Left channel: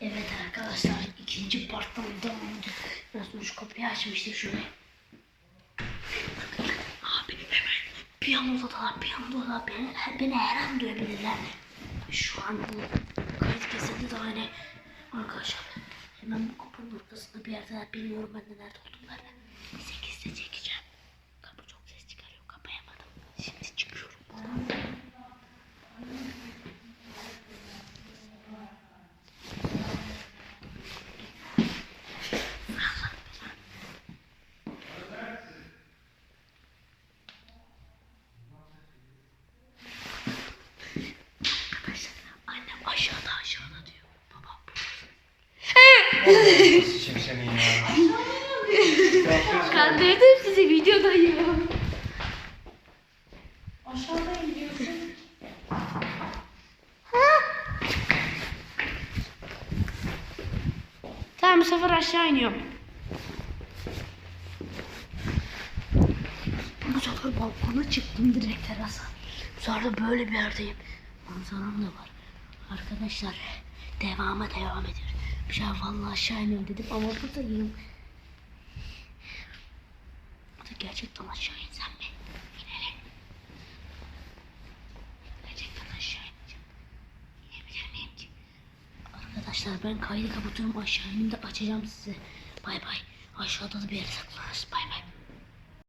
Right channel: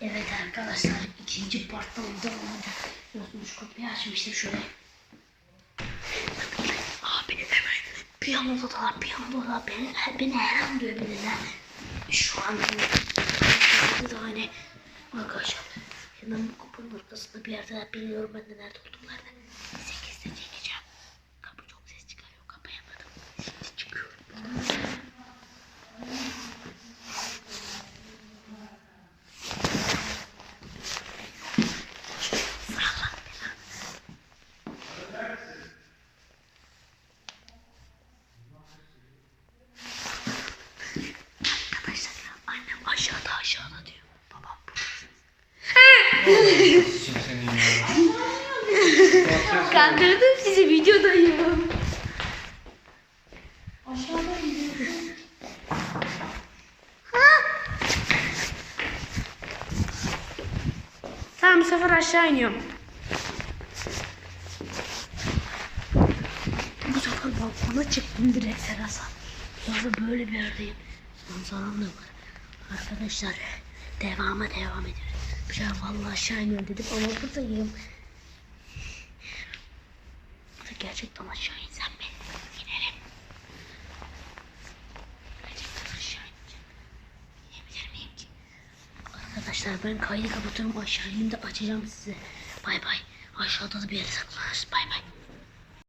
Evet arkadaşlar ikinci devam edelim. Biliyorsunuz şu kapıyı açmıştım şöyle. Abi hemen piyanodalar piyanodalar beni, beni her an duyabilirler. Şu an herkese de hani arkadaşlar hemen bu kapının arkasında bir yerde bilmiyorum ben de nerede Kandırdım sizi videodayım. Tamam bu sefer aşağı iniyorum. Bu sefer balkona çıktım direkt terasa. De böyle bir yerdeyim. Manzaram da var. Arkadaşlar devama devam ediyor. Şey vallahi aşağı iniyorum dedim ama buradayım. Burada gerçekten aşağı insem mi? İnelim. Gerçekten aşağı ineceğim. İnebilir miyim ki? Arkadaşlar ben kaydı kapatıyorum aşağı ineyim de açacağım size. Bay bay. Aşağıda da bir yere saklanırız. Bay bay.